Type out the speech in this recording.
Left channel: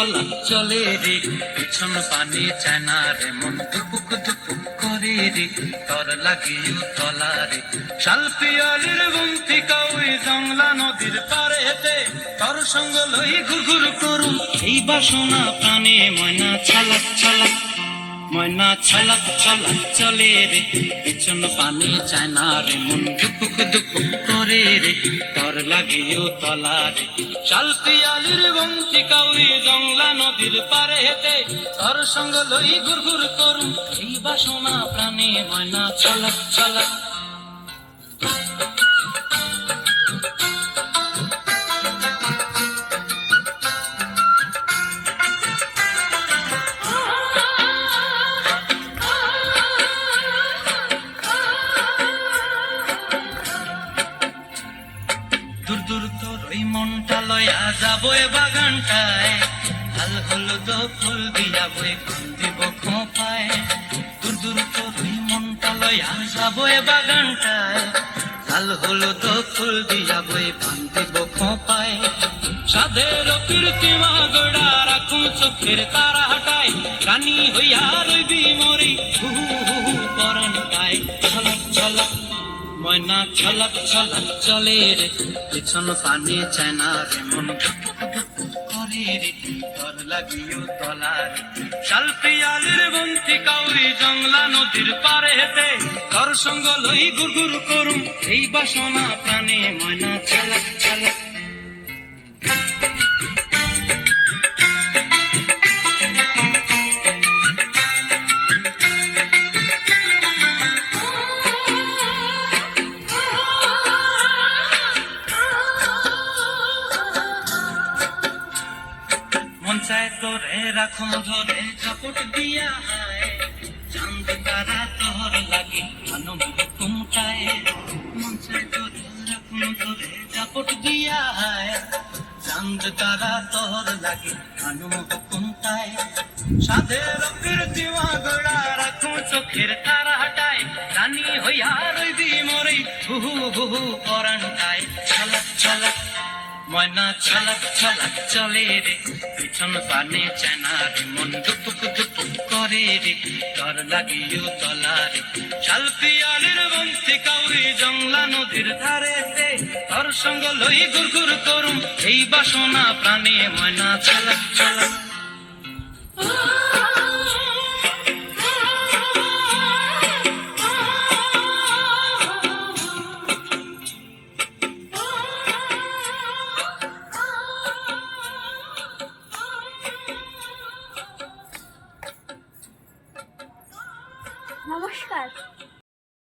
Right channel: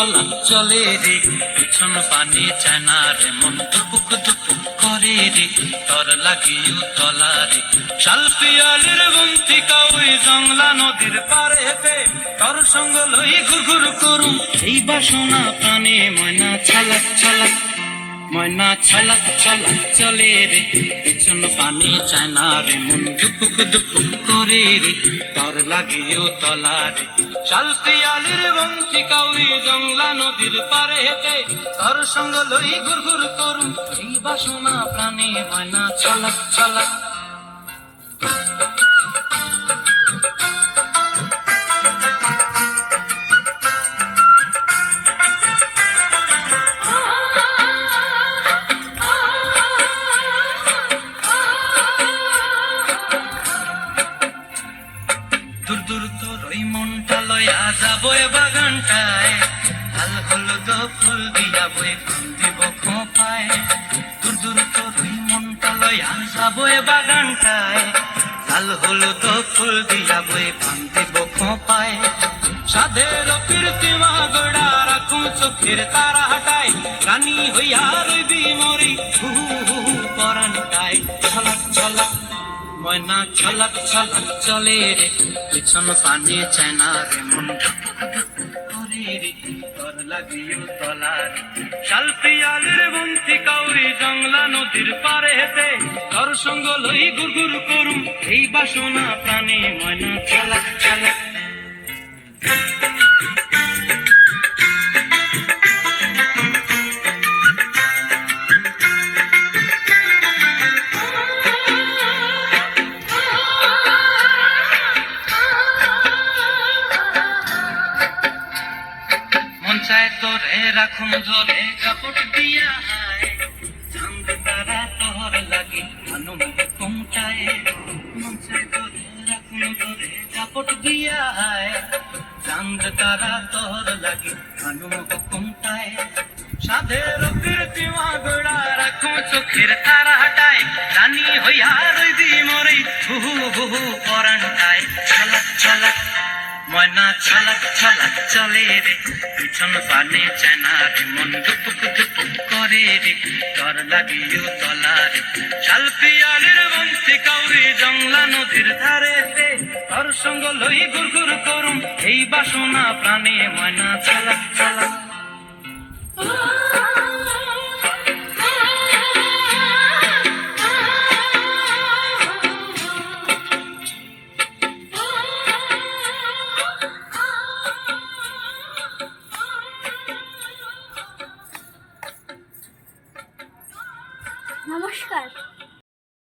ছলাক চলে রে, পিছন পানি চায় না রে, মন দুপুক দুপুক করে রে, তর লাগিও তলা রে। শাল পিয়ালির বন্তি কাউই জংলা নদীর পারেতে, তর সঙ্গ লই ঘুর ঘুর করুম এই বাসনা প্রাণে। ময়না ছলাক ছলাক, ময়না ছলাক ছলাক চলে রে, পিছন পানি চায় না রে, মন দুপুক দুপুক করে রে, তর লাগিও তলা রে। শাল পিয়ালির বন্তি কাউই জংলা নদীর পারে হেতে, তর সঙ্গ লই ঘুর ঘুর করুম এই বাসনা প্রাণে। ময়না ছলাক ছলাক। দূর দূর তোর ওই মনটা লয়া যাবো এ বাগানটায়, লাল হলুদ ফুল দিয়া বই দিব খোঁপায়। দূর দূর তোর ওই মনটা লয়া যাবো এ বাগানটায়, লাল হলুদ ফুল দিয়া বই দিব খোঁপায়। সাধের কীর্তিমা গোড়া রাখুন চোখের তারা হাটায়, রানী হইয়া রইবি মরি হু হু হু পরাণ গায়। ছলাক ছলাক, ময়না ছলাক ছলাক চলে রে, পিছন পানি চায় না রে, মন করে রে, তর লাগিও তলা রে। শাল পিয়ালির বন্তি কাউরি জংলা নদীর পারে হেতে, তর সঙ্গ লই ঘুর ঘুর করুম এই বাসনা প্রাণে। ময়না ছলাক ছলাক। মন চায় তোরে রাখুন ধরে কাপড় দিয়া হায়, চাঁদ তারা তোর লাগি আনন্দ কুমটায়। মন চায় তোরে রাখুন ধরে কাপড় দিয়া হায়, চাঁদ তারা তোর লাগি আনন্দ কুমটায়। সাধের কীর্তিমা গোড়া রাখুন চোখের তারা হাটায়, রানী হইয়া রইবি মরি হু হু হু পরাণ গায়। ছলাক ছলাক, ময়না ছলাক ছলাক চলে রে, পিছন পানে চায় না রে, মন দুপুক দুপুক করে রে, তর লাগিও তলা রে। শাল পিয়ালির বন্তি কাউরি জংলা নদীর ধারেতে, তর সঙ্গ লই ঘুর ঘুর করুম এই বাসনা প্রাণে। ময়না ছলাক ছলাক।